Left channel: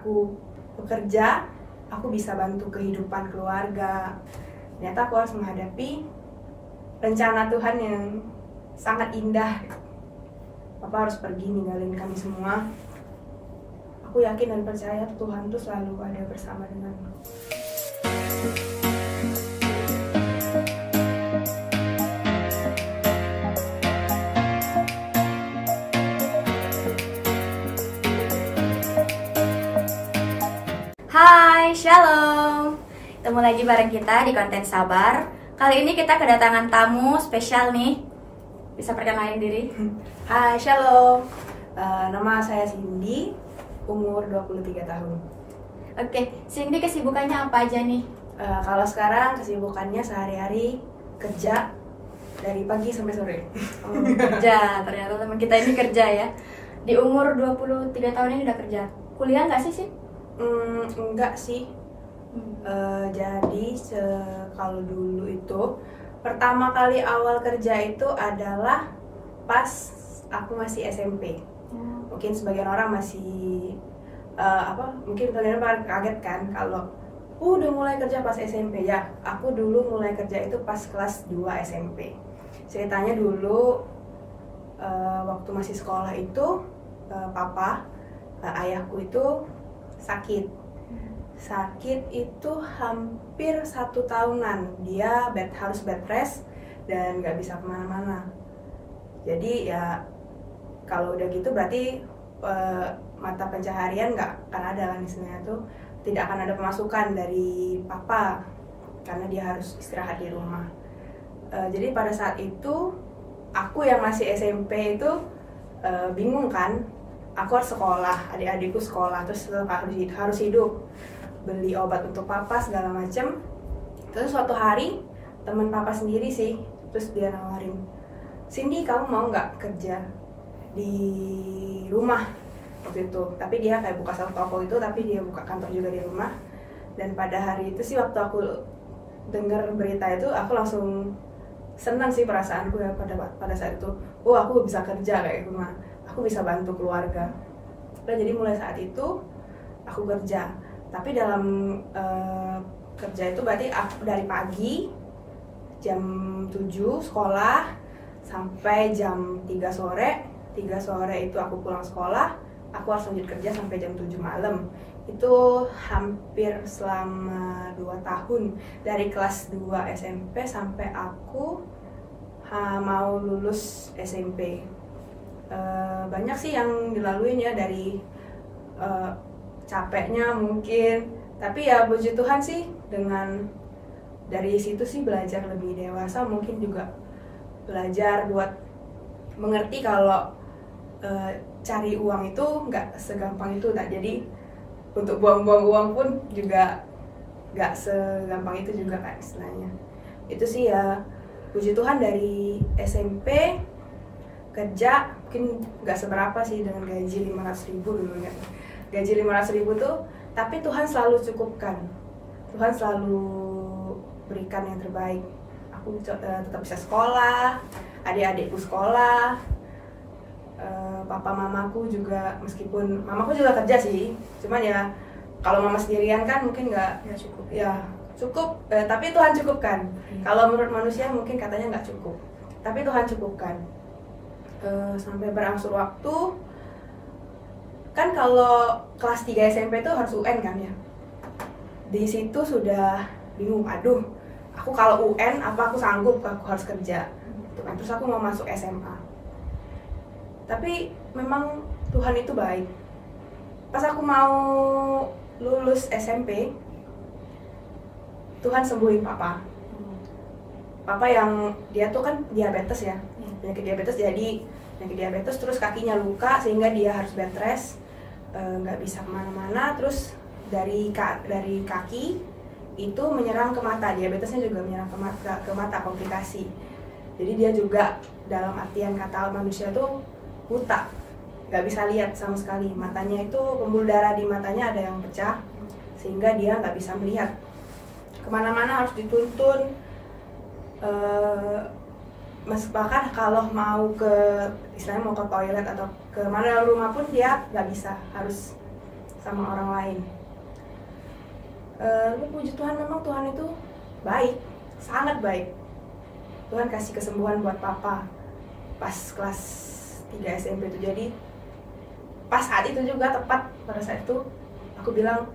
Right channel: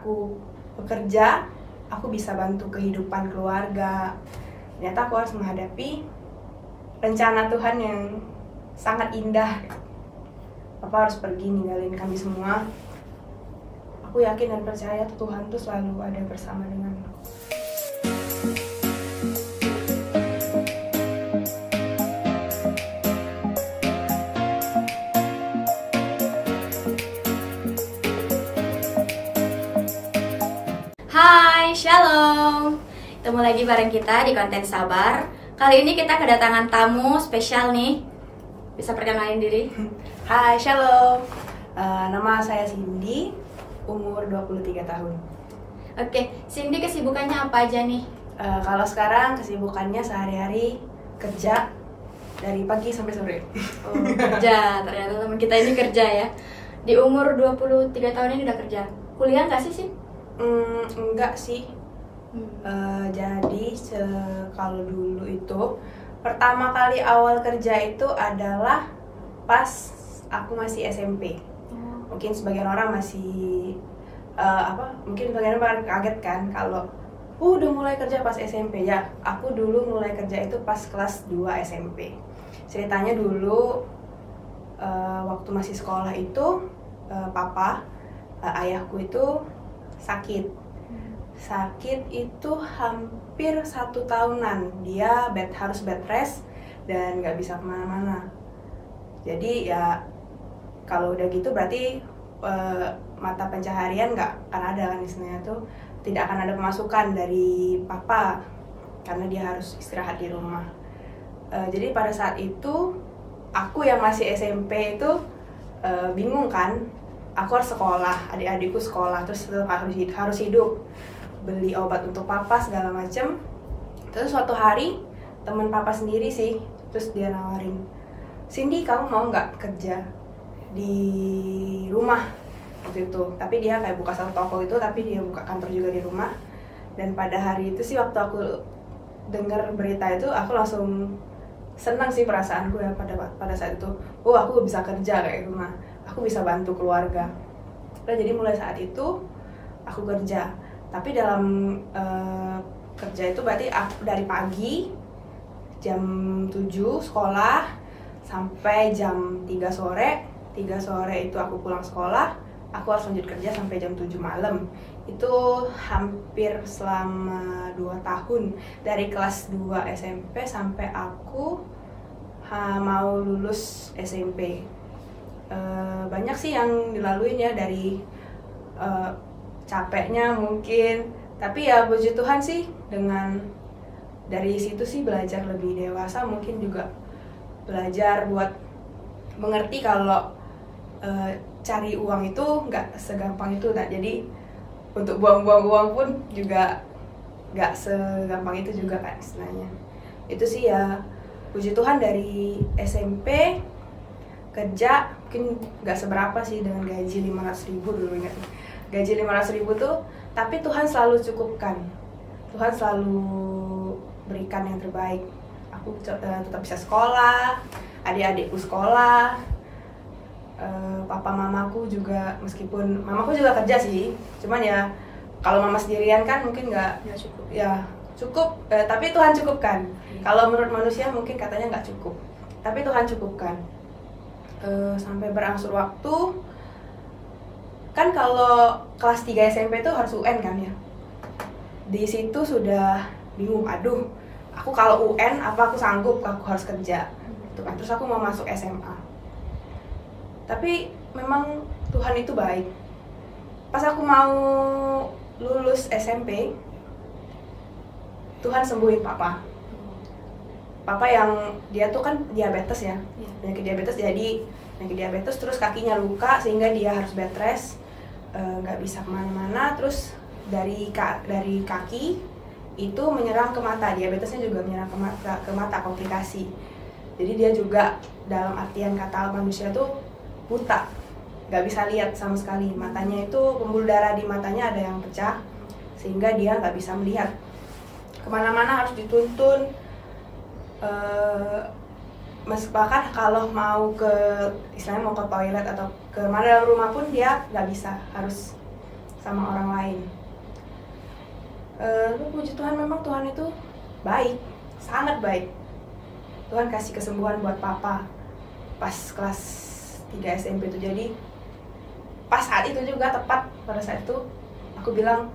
aku bekerja, aku bisa bantu kehidupan keluarga. Ternyata aku harus menghadapi rencana Tuhan yang sangat indah. Papa harus pergi ninggalin kami semua. Aku yakin dan percaya Tuhan tuh selalu ada bersama denganku. Hai, shalom. Ketemu lagi bareng kita di konten Sabar. Kali ini kita kedatangan tamu spesial nih. Bisa perkenalin diri? Hai, shalom. Nama saya Cindy, umur 23 tahun. Oke, Cindy kesibukannya apa aja nih? Kalau sekarang kesibukannya sehari-hari kerja dari pagi sampai sore. Oh, kerja, ternyata teman kita ini kerja ya. Di umur 23 tahun ini udah kerja. Kuliah nggak sih? Enggak sih. Jadi kalau dulu itu pertama kali awal kerja itu adalah pas aku masih SMP. Mungkin sebagian orang masih mungkin sebagian orang kaget kan kalau udah mulai kerja pas SMP. Ya, aku dulu mulai kerja itu pas kelas 2 SMP. Ceritanya dulu waktu masih sekolah itu ayahku itu sakit itu hampir 1 tahunan. Dia harus bed rest dan nggak bisa kemana-mana. Jadi ya kalau udah gitu berarti mata pencaharian nggak akan ada kan, istilahnya tuh tidak akan ada pemasukan dari papa karena dia harus istirahat di rumah. Jadi pada saat itu aku yang masih SMP itu bingung kan. Aku harus sekolah, adik-adikku sekolah, terus harus hidup, beli obat untuk papa segala macem. Terus suatu hari teman papa sendiri sih, terus dia nawarin, Cindy kamu mau nggak kerja di rumah waktu itu. Tapi dia kayak buka satu toko itu, tapi dia buka kantor juga di rumah. Dan pada hari itu sih waktu aku dengar berita itu, aku langsung senang sih perasaanku ya pada saat itu. Oh, aku bisa kerja kayak gitu mah. Aku bisa bantu keluarga. Nah, jadi mulai saat itu aku kerja. Tapi dalam kerja itu berarti aku dari pagi jam 7 sekolah sampai jam 3 sore. 3 sore itu aku pulang sekolah. Aku harus lanjut kerja sampai jam 7 malam. Itu hampir selama 2 tahun. Dari kelas 2 SMP sampai aku mau lulus SMP. Banyak sih yang dilaluin ya, dari capeknya mungkin, tapi ya puji Tuhan sih dari situ sih belajar lebih dewasa, mungkin juga belajar buat mengerti kalau cari uang itu nggak segampang itu. Nah, jadi untuk buang-buang uang pun juga nggak segampang itu juga kan istilahnya. Itu sih ya puji Tuhan dari SMP kerja mungkin nggak seberapa sih dengan gaji 500.000 dulu, ingat gaji 500.000 tuh, tapi Tuhan selalu cukupkan. Tuhan selalu berikan yang terbaik. Aku tetap bisa sekolah, adik-adikku sekolah, papa mamaku juga, meskipun mamaku juga kerja sih, cuman ya kalau mama sendirian kan mungkin nggak cukup ya, cukup tapi Tuhan cukupkan. Kalau menurut manusia mungkin katanya nggak cukup, tapi Tuhan cukupkan. Sampai berangsur waktu kan, kalau kelas 3 SMP itu harus UN kan ya. Di situ sudah bingung, aduh aku kalau UN apa aku sanggup, aku harus kerja gitu kan. Terus aku mau masuk SMA, tapi memang Tuhan itu baik. Pas aku mau lulus SMP, Tuhan sembuhin papa yang dia tuh kan diabetes ya, penyakit diabetes. Jadi penyakit diabetes, terus kakinya luka sehingga dia harus bed rest, nggak bisa kemana-mana. Terus dari kaki itu menyerang ke mata, diabetesnya juga menyerang ke mata komplikasi. Jadi dia juga dalam artian kata manusia tuh buta, nggak bisa lihat sama sekali. Matanya itu, pembuluh darah di matanya ada yang pecah sehingga dia nggak bisa melihat. Kemana-mana harus dituntun. Bahkan kalau mau ke, istilahnya mau ke toilet atau ke mana dalam rumah pun dia nggak bisa, harus sama orang lain. Puji Tuhan, memang Tuhan itu baik, sangat baik. Tuhan kasih kesembuhan buat papa pas kelas 3 SMP itu. Jadi pas saat itu juga, tepat pada saat itu aku bilang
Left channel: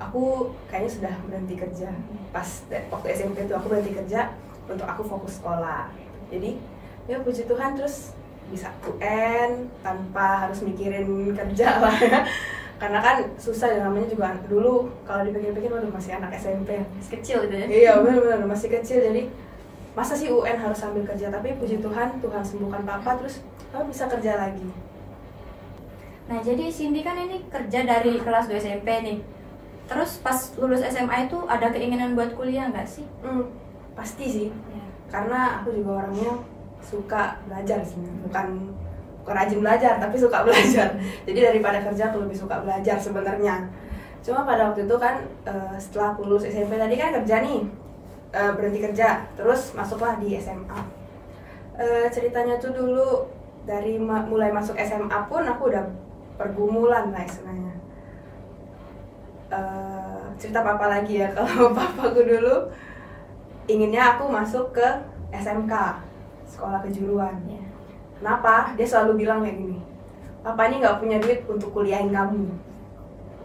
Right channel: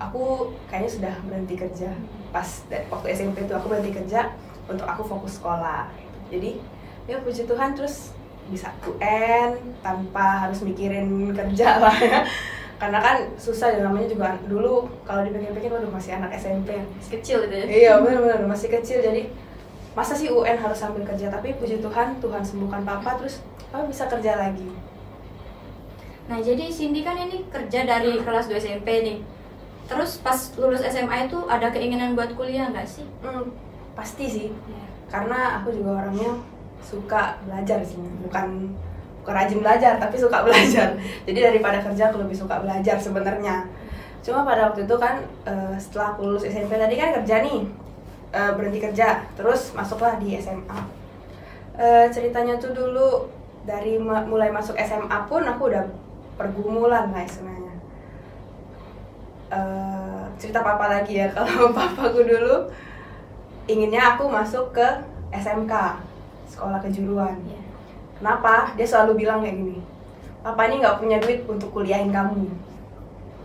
aku kayaknya sudah berhenti kerja. Pas waktu SMP itu aku berhenti kerja untuk aku fokus sekolah. Jadi ya puji Tuhan, terus bisa UN tanpa harus mikirin kerja lah ya. Karena kan susah ya, namanya juga dulu kalau dipikir-pikir waduh masih anak SMP, Masih kecil gitu ya. iya benar-benar masih kecil. Jadi masa sih UN harus sambil kerja, tapi puji Tuhan, Tuhan sembuhkan papa, terus papa bisa kerja lagi. Nah, jadi Cindy kan ini kerja dari kelas 2 SMP nih. Terus pas lulus SMA itu ada keinginan buat kuliah nggak sih? Pasti sih, Ya. karena aku juga orangnya suka belajar sih, bukan rajin belajar tapi suka belajar. Jadi daripada kerja aku lebih suka belajar sebenarnya. Cuma pada waktu itu kan setelah aku lulus SMP tadi kan kerja nih, berhenti kerja, terus masuklah di SMA. Ceritanya tuh dulu dari mulai masuk SMA pun aku udah pergumulan lah istilahnya. Cerita papa lagi ya. Kalau papaku dulu inginnya aku masuk ke SMK, sekolah kejuruan. Ya. Kenapa? Dia selalu bilang kayak gini, papa ini nggak punya duit untuk kuliahin kamu,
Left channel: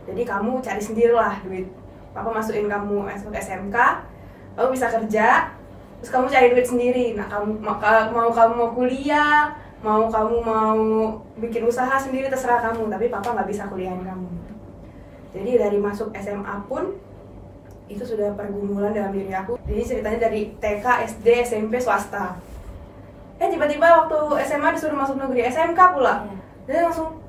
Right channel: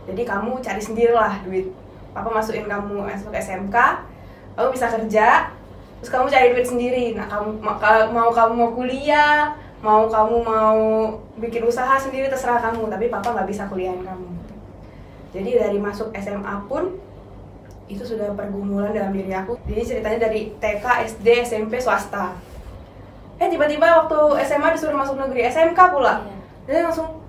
jadi kamu cari sendirilah duit. Papa masukin kamu masuk SMK, kamu bisa kerja, terus kamu cari duit sendiri. Nah, kamu mau kuliah, kamu mau bikin usaha sendiri, terserah kamu, tapi papa nggak bisa kuliahin kamu. Jadi dari masuk SMA pun itu sudah pergumulan dalam diri aku. Jadi ceritanya dari TK, SD, SMP swasta. Tiba-tiba waktu SMA disuruh masuk negeri, SMK pula. Jadi langsung,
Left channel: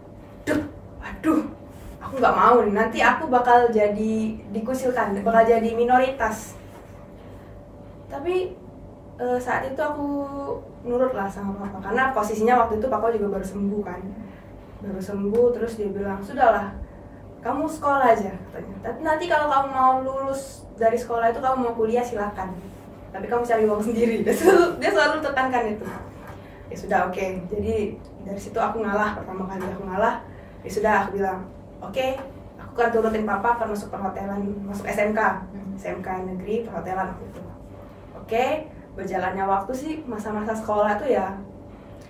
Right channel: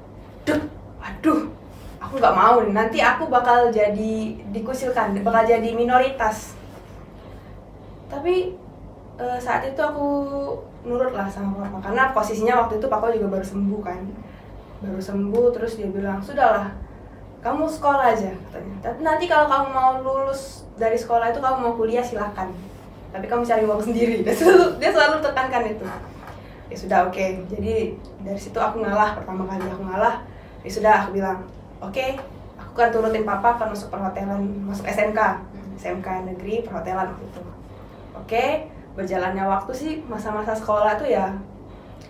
aduh, aku nggak mau nih. Nanti aku bakal jadi dikucilkan, bakal jadi minoritas. Tapi saat itu aku nurut lah sama papa, karena posisinya waktu itu papa juga baru sembuh kan. Baru sembuh, terus dia bilang, sudahlah, kamu sekolah aja katanya. Tapi nanti kalau kamu mau lulus dari sekolah itu, kamu mau kuliah silakan. Tapi kamu cari uang sendiri. Dia selalu tekankan itu. Ya sudah, oke. Jadi dari situ aku ngalah, pertama kali aku ngalah. Ya sudah, aku bilang, oke, aku kan turutin papa, kan masuk perhotelan, masuk SMK, SMK negeri perhotelan gitu. Oke, berjalannya waktu sih masa-masa sekolah tuh ya,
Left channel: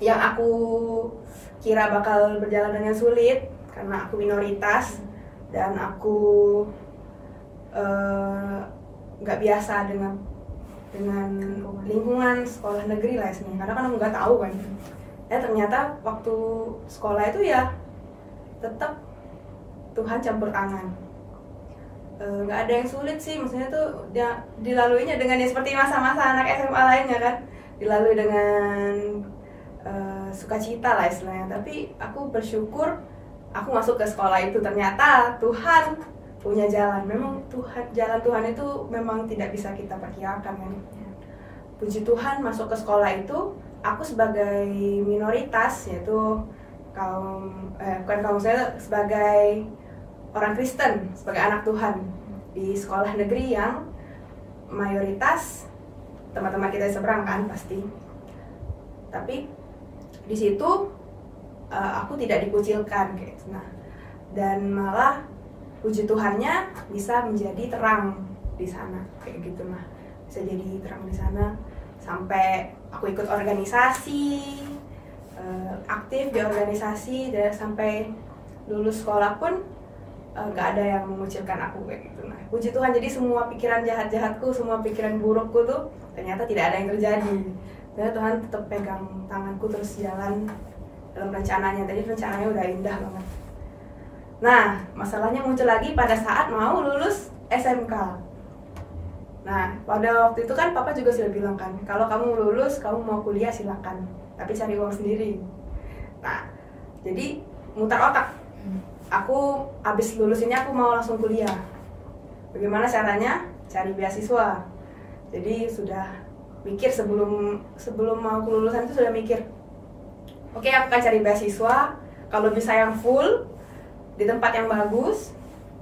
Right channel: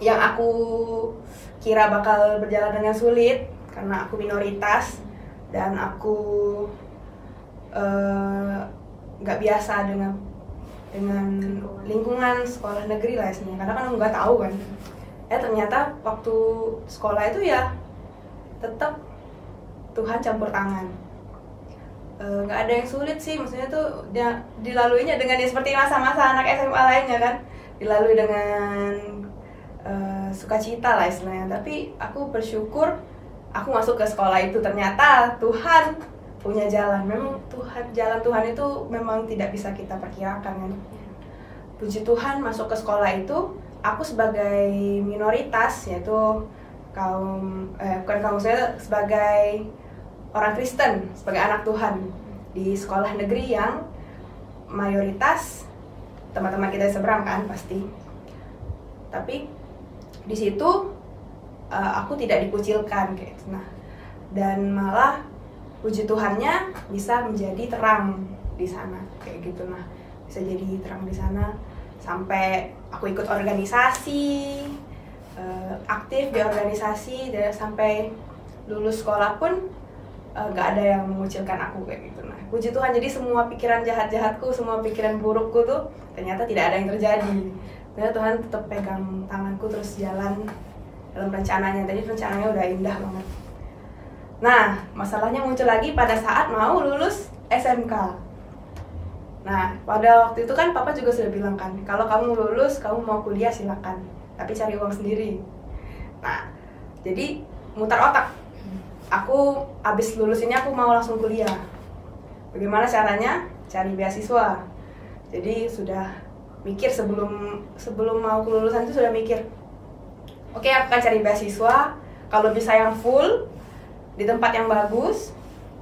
yang aku kira bakal berjalan dengan sulit karena aku minoritas dan aku nggak biasa dengan lingkungan sekolah negeri lah istilahnya, karena kan aku nggak tahu kan. Ternyata waktu sekolah itu ya tetap Tuhan campur tangan. Nggak ada yang sulit sih, maksudnya tuh dilaluinya dengan ya seperti masa-masa anak SMA lainnya kan, dilalui dengan sukacita lah istilahnya. Tapi aku bersyukur aku masuk ke sekolah itu, ternyata Tuhan punya jalan. Memang jalan Tuhan itu memang tidak bisa kita perkirakan kan. Puji Tuhan masuk ke sekolah itu, aku sebagai minoritas, yaitu bukan kaum saya, sebagai orang Kristen, sebagai anak Tuhan di sekolah negeri yang mayoritas teman-teman kita seberang kan pasti. Tapi di situ aku tidak dikucilkan kayak gitu. Nah, dan malah puji Tuhannya bisa menjadi terang di sana kayak gitu. Nah, bisa jadi terang di sana sampai aku ikut organisasi, aktif di organisasi, dan sampai lulus sekolah pun nggak ada yang mengucilkan aku kayak gitu. Nah, puji Tuhan, jadi semua pikiran jahat-jahatku, semua pikiran burukku tuh ternyata tidak ada yang terjadi. Ternyata Tuhan tetap pegang tanganku terus jalan dalam rencananya. Tadi rencananya udah indah banget. Nah, masalahnya muncul lagi pada saat mau lulus SMK. Nah, pada waktu itu kan papa juga sudah bilang kan, kalau kamu lulus, kamu mau kuliah silakan, tapi cari uang sendiri. Nah, jadi mutar otak. Aku abis lulus ini aku mau langsung kuliah. Bagaimana caranya? Cari beasiswa. Jadi sudah mikir sebelum mau kelulusan itu sudah mikir. Oke, aku akan cari beasiswa. Kalau bisa yang full di tempat yang bagus,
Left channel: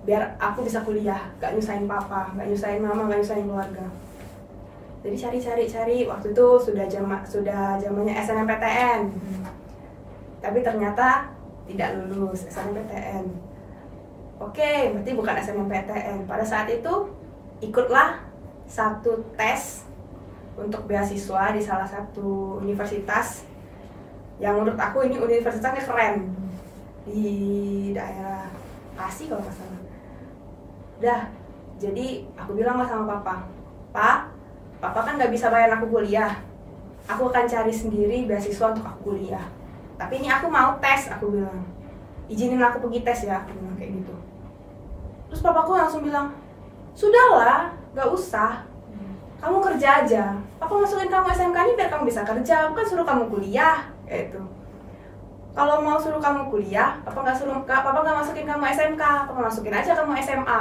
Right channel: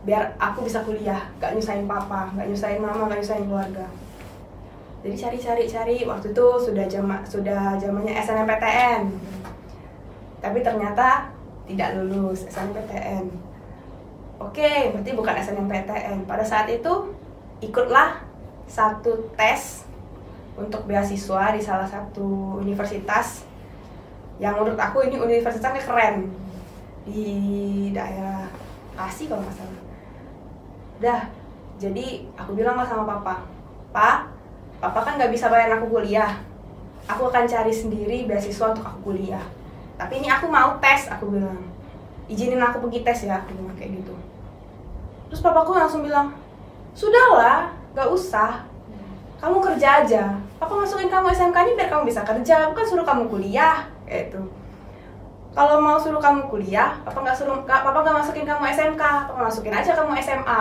biar aku bisa kuliah, gak nyusahin papa, gak nyusahin mama, gak nyusahin keluarga. Jadi cari. Waktu itu sudah zamannya SNMPTN. Tapi ternyata tidak lulus SNMPTN. Oke, berarti bukan SNMPTN. Pada saat itu ikutlah satu tes untuk beasiswa di salah satu universitas yang menurut aku ini universitasnya keren di daerah Asi kalau nggak salah. Dah, jadi aku bilang lah sama papa, papa kan nggak bisa bayar aku kuliah, aku akan cari sendiri beasiswa untuk aku kuliah. Tapi ini aku mau tes, aku bilang, izinin aku pergi tes ya, aku bilang kayak gitu. Terus papaku langsung bilang, sudahlah, nggak usah, kamu kerja aja. Papa masukin kamu SMK ini biar kamu bisa kerja, bukan suruh kamu kuliah, kayak itu. Kalau mau suruh kamu kuliah, papa nggak masukin kamu SMK, papa masukin aja kamu SMA.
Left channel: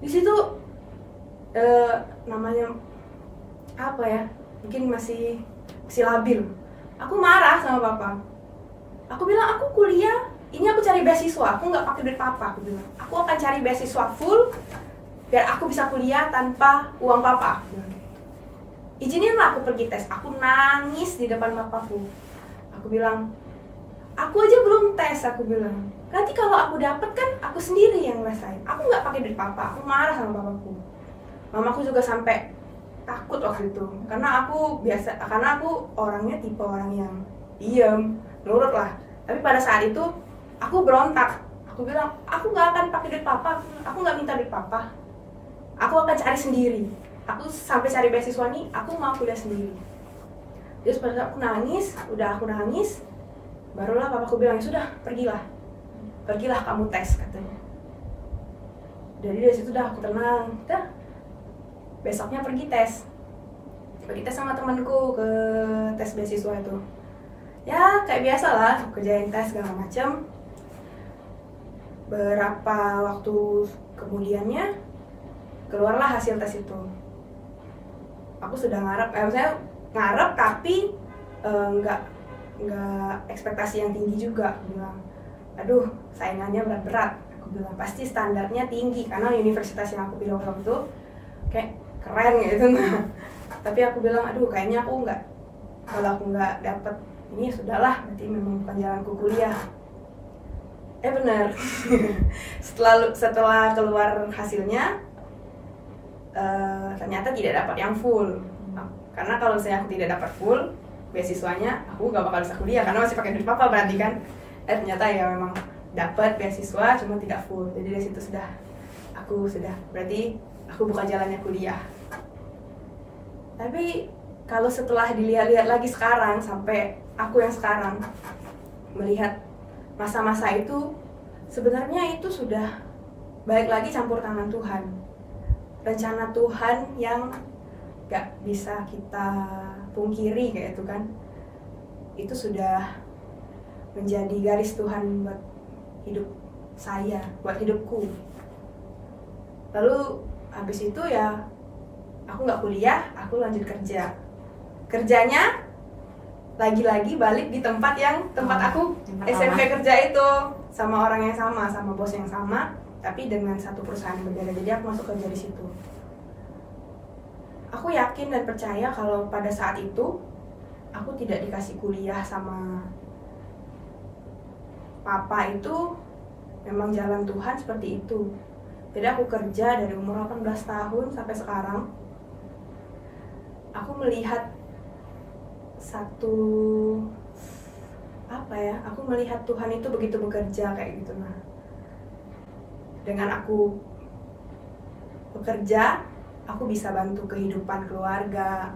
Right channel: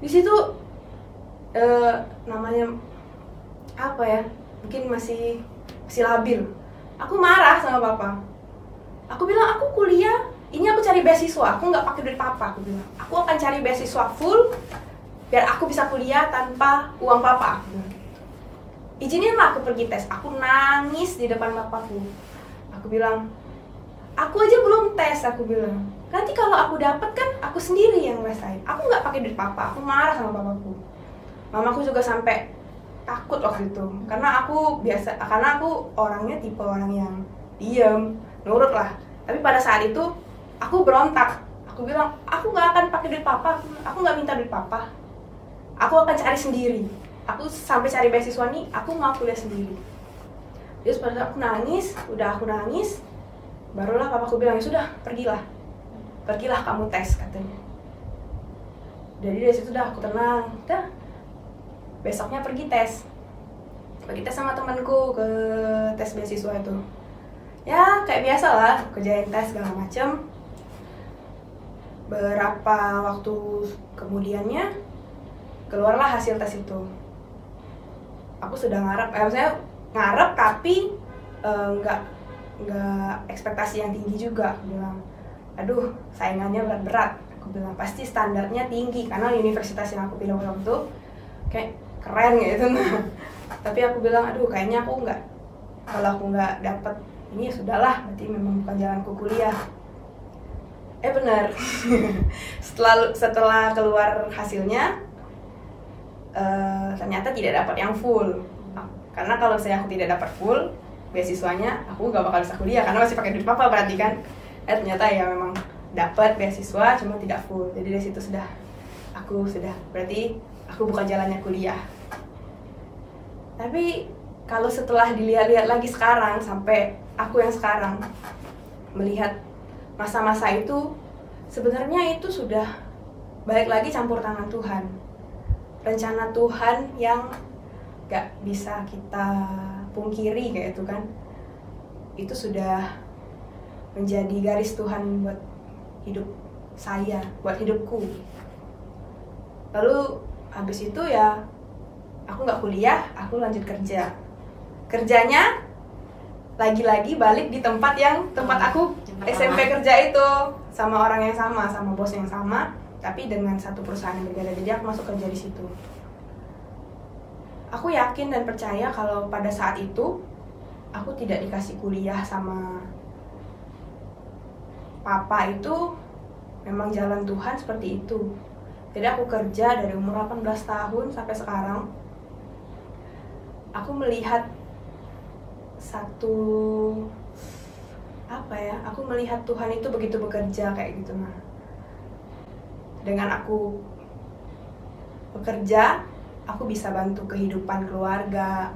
Di situ namanya apa ya? Mungkin masih labil. Aku marah sama papa. Aku bilang aku kuliah, ini aku cari beasiswa, aku nggak pakai duit papa. Aku bilang, aku akan cari beasiswa full biar aku bisa kuliah tanpa uang papa. Aku bilang gitu. Izininlah aku pergi tes. Aku nangis di depan papaku. Aku bilang, aku aja belum tes, aku bilang. Nanti kalau aku dapet kan aku sendiri yang ngerasain. Aku nggak pakai duit papa. Aku marah sama papaku. Mamaku juga sampai takut waktu itu, karena aku orangnya tipe orang yang diem, nurut lah. Tapi pada saat itu aku berontak. Aku bilang, aku nggak akan pakai duit papa. Aku nggak minta duit papa. Aku akan cari sendiri. Aku sampai cari beasiswa nih, aku mau kuliah sendiri. Terus pada saat aku nangis, barulah papaku bilang, sudah, pergilah kamu tes, katanya. Jadi dari situ udah aku tenang, besoknya pergi tes sama temanku ke tes beasiswa itu. Ya kayak biasa lah, kerjain tes segala macem. Berapa waktu kemudiannya keluarlah hasil tes itu. Aku sudah ngarep tapi nggak ekspektasi yang tinggi juga. Aku bilang, aduh saingannya berat. Aku bilang pasti standarnya tinggi karena universitas yang aku pilih waktu itu kayak keren gitu. Tapi aku bilang, aduh kayaknya kalau aku nggak dapet ini sudahlah, berarti memang bukan jalanku kuliah. Benar. setelah keluar hasilnya ternyata tidak dapat yang full. Karena kalau misalnya aku tidak dapat full beasiswanya, aku gak bakal bisa kuliah karena masih pakai duit papa berarti kan. Ternyata ya memang dapat beasiswa cuma tidak full. Jadi dari situ berarti aku bukan jalannya kuliah. Tapi kalau setelah dilihat-lihat lagi sekarang, sampai aku yang sekarang melihat masa-masa itu, sebenarnya itu sudah balik lagi campur tangan Tuhan. Rencana Tuhan yang gak bisa kita pungkiri kayak itu kan. Itu sudah menjadi garis Tuhan buat hidup saya, buat hidupku. Lalu habis itu ya aku nggak kuliah, aku lanjut kerja. Kerjanya lagi-lagi balik di tempat aku SMP kerja itu, sama orang yang sama bos yang sama, tapi dengan satu perusahaan yang berbeda. Jadi aku masuk kerja di situ. Aku yakin dan percaya kalau pada saat itu aku tidak dikasih kuliah sama papa, itu memang jalan Tuhan seperti itu. Jadi aku kerja dari umur 18 tahun sampai sekarang. Aku melihat aku melihat Tuhan itu begitu bekerja kayak gitu nah. Dengan aku bekerja, aku bisa bantu kehidupan keluarga.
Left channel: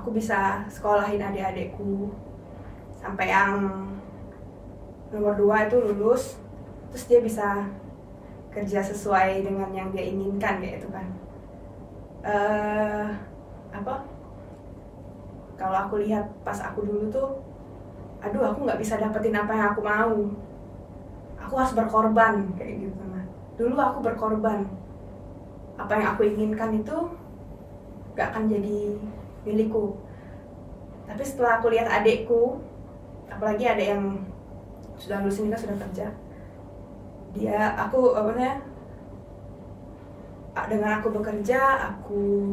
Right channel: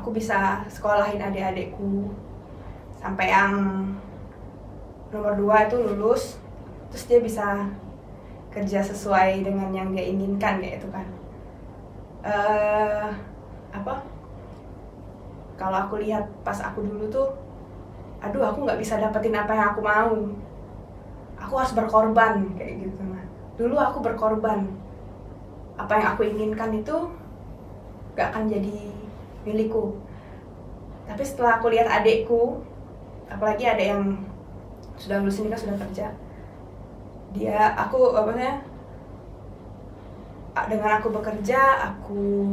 Aku bisa sekolahin adik-adikku sampai yang nomor 2 itu lulus, terus dia bisa kerja sesuai dengan yang dia inginkan kayak itu kan. Kalau aku lihat pas aku dulu tuh, aduh aku nggak bisa dapetin apa yang aku mau, aku harus berkorban kayak gitu kan. Dulu aku berkorban, apa yang aku inginkan itu nggak akan jadi milikku. Tapi setelah aku lihat adekku, apalagi ada yang sudah lulus ini kan, sudah kerja, dengan aku bekerja, aku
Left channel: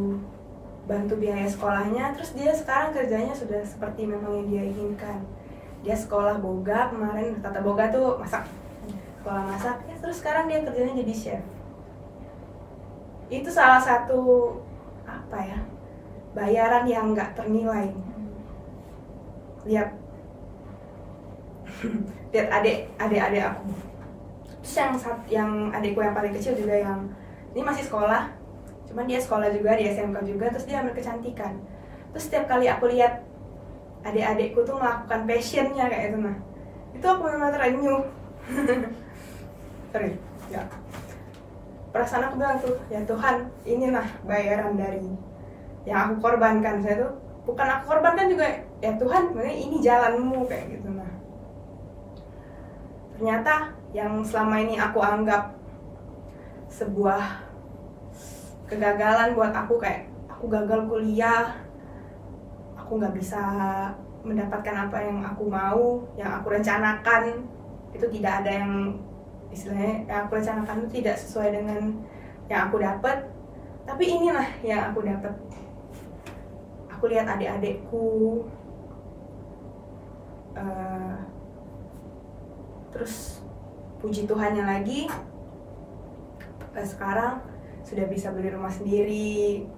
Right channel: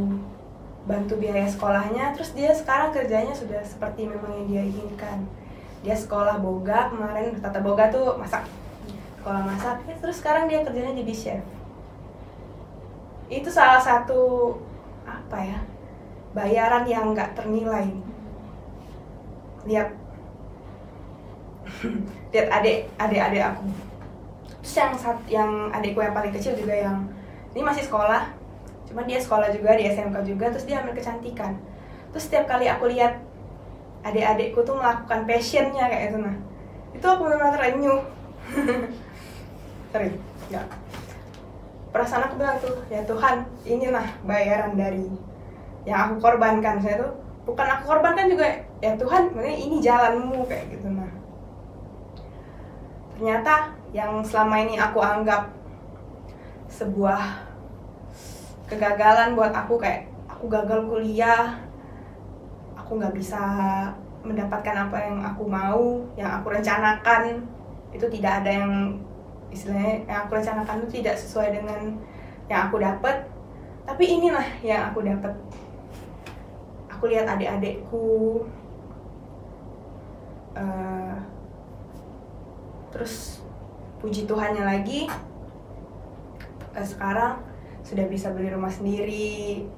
bantu biaya sekolahnya, terus dia sekarang kerjanya sudah seperti memang yang dia inginkan. Dia sekolah boga kemarin, tata boga tuh masak sekolah masak, terus sekarang dia kerjanya jadi chef. Itu salah satu apa ya, bayaran yang nggak ternilai. Lihat adik aku. Terus yang adikku yang paling kecil juga, yang ini masih sekolah, cuman dia sekolah juga di SMK juga, terus dia ambil kecantikan. Terus setiap kali aku lihat adik-adikku tuh melakukan passionnya kayak itu, nah itu aku benar-benar terenyuh. Sorry, ya. Perasaan aku bilang tuh, ya Tuhan, inilah bayaran dari yang aku korbankan. Saya tuh bukan aku korbankan juga, ya Tuhan, makanya ini jalanmu kayak gitu. Nah, ternyata yang selama ini aku anggap sebuah kegagalan buat aku, kayak aku gagal kuliah, aku nggak bisa mendapatkan apa yang aku mau, yang aku rencanakan, itu tidak ada yang istilahnya yang aku rencanakan itu tidak sesuai dengan yang aku dapat. Tapi inilah yang aku dapat. Aku lihat adik-adikku, terus puji Tuhannya lagi, sekarang sudah bisa beli rumah sendiri.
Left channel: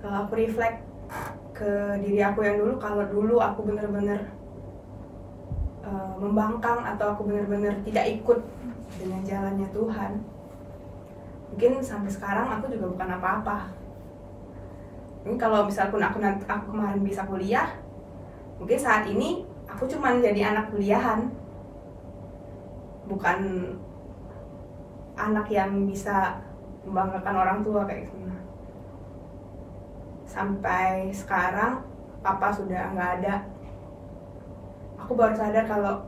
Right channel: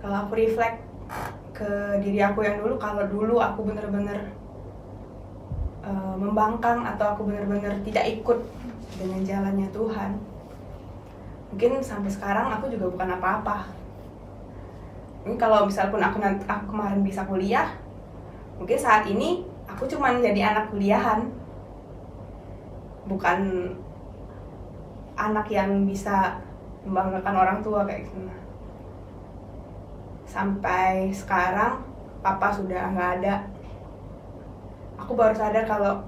Kalau aku reflect ke diri aku yang dulu, kalau dulu aku bener-bener membangkang atau aku benar-benar tidak ikut dengan jalannya Tuhan, mungkin sampai sekarang aku juga bukan apa-apa. Ini kalau misalpun aku kemarin bisa kuliah, mungkin saat ini aku cuma jadi anak kuliahan, bukan anak yang bisa membanggakan orang tua kayak gitu. Sampai sekarang papa sudah nggak ada. Aku baru sadar kalau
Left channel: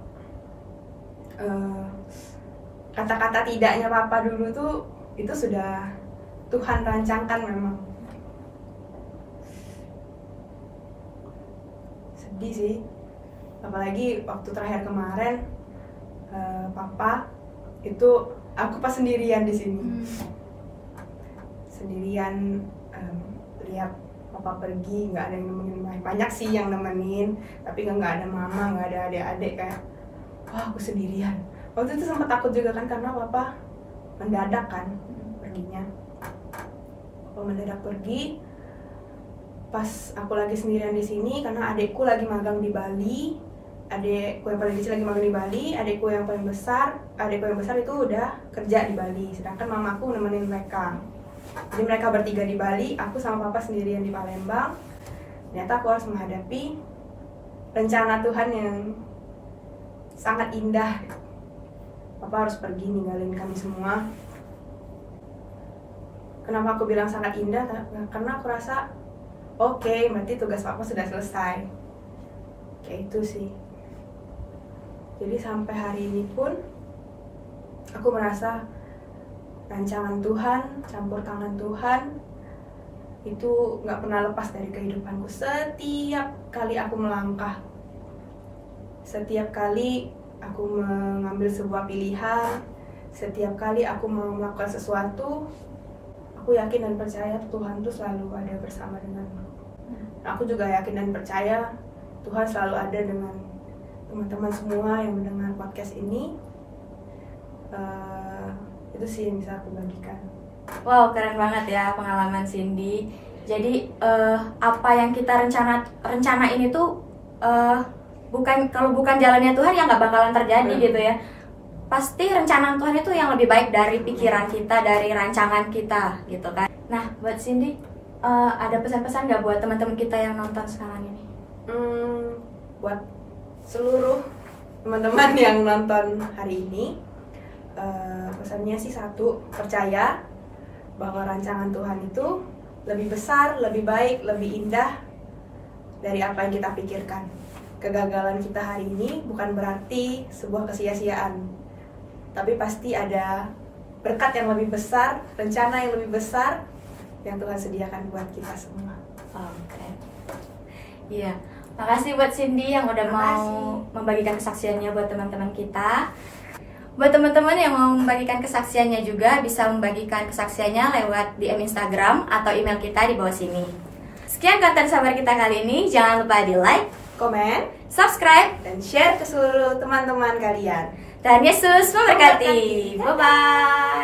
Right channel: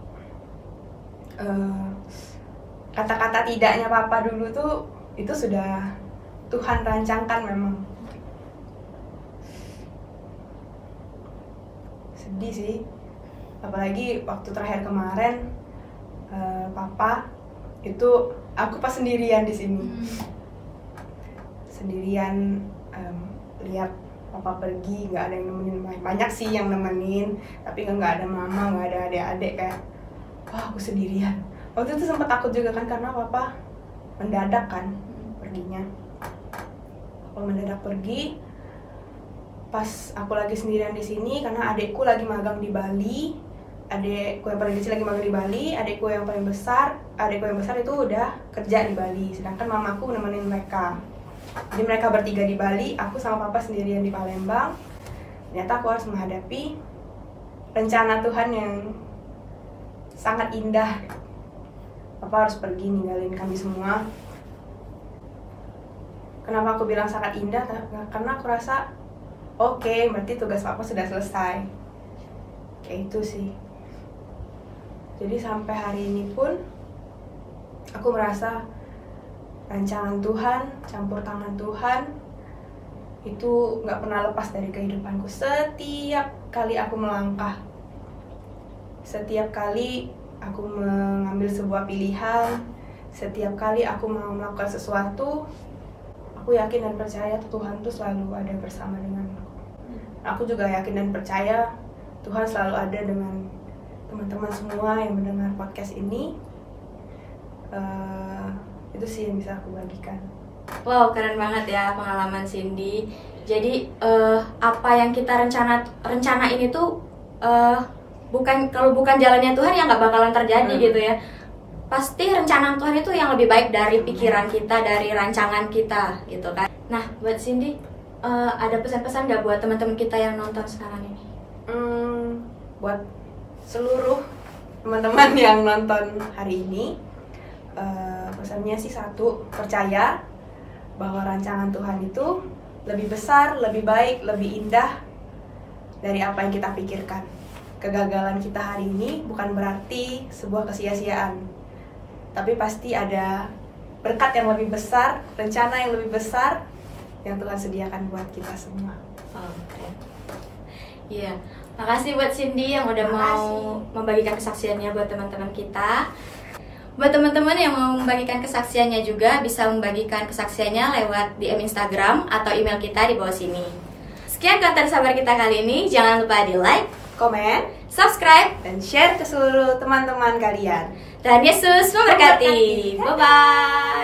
kata-kata tidaknya papa dulu tuh itu sudah Tuhan rancangkan memang. Sedih sih, apalagi waktu terakhir kemarin papa itu aku pas sendirian di sini, sendirian lihat papa pergi, nggak ada yang nemenin. Banyak sih yang nemenin, tapi nggak ada mama, nggak ada adik-adik, kayak wah aku sendirian. Waktu itu sempat takut juga kan, karena papa mendadak kan perginya. Papa mendadak pergi pas aku lagi sendirian di sini, karena adikku lagi magang di Bali. Adikku yang paling kecil lagi magang di Bali, adikku yang besar itu udah kerja di Bali, sedangkan mamaku nemenin mereka. Jadi mereka bertiga di Bali, aku sama papa sendirian di Palembang. Ternyata aku harus menghadapi rencana Tuhan yang sangat indah. Papa harus pergi ninggalin kami semua. Kenapa aku bilang sangat indah? Karena aku rasa oke, berarti tugas papa sudah selesai. Kayak itu sih. Jadi sampai hari ini pun aku merasa rancangan Tuhan, campur tangan Tuhan itu gak pernah lepas dari kehidupanku. Setiap kali aku melangkah, setiap kali aku mengambil sebuah pilihan, setiap kali aku mau melakukan sesuatu, aku yakin dan percaya Tuhan tuh selalu ada bersama denganku. Aku juga yakin dan percaya Tuhan selalu ada dengan teman-teman semua yang mendengar podcast ini. Itu sih yang bisa aku bagikan. Wow, keren banget ya pengalaman Cindy. Jadi apa yang kita rencanain itu kalau bukan jalannya Tuhan ya nggak bakalan terjadi gitu ya. Pasti rencana Tuhan itu yang lebih baik dari pikiran kita, dari rancangan kita gitu kan. Nah, buat Cindy, ada pesan-pesan nggak buat teman-teman kita yang nonton sekarang ini? Buat seluruh teman-teman yang nonton hari ini, pesannya sih satu, percaya bahwa rancangan Tuhan itu lebih besar, lebih baik, lebih indah dari apa yang kita pikirkan. Kegagalan kita hari ini bukan berarti sebuah kesia-siaan, tapi pasti ada berkat yang lebih besar, rencana yang lebih besar yang Tuhan sediakan buat kita semua. Oh, keren. Iya, makasih buat Cindy yang udah mau membagikan kesaksiannya buat teman-teman kita. Buat teman-teman yang mau membagikan kesaksiannya juga bisa membagikan kesaksiannya lewat DM Instagram atau email kita di bawah sini. Sekian konten sabar kita kali ini. Jangan lupa di like, komen, subscribe, dan share ke seluruh teman-teman kalian. Dan Yesus memberkati. Bye bye.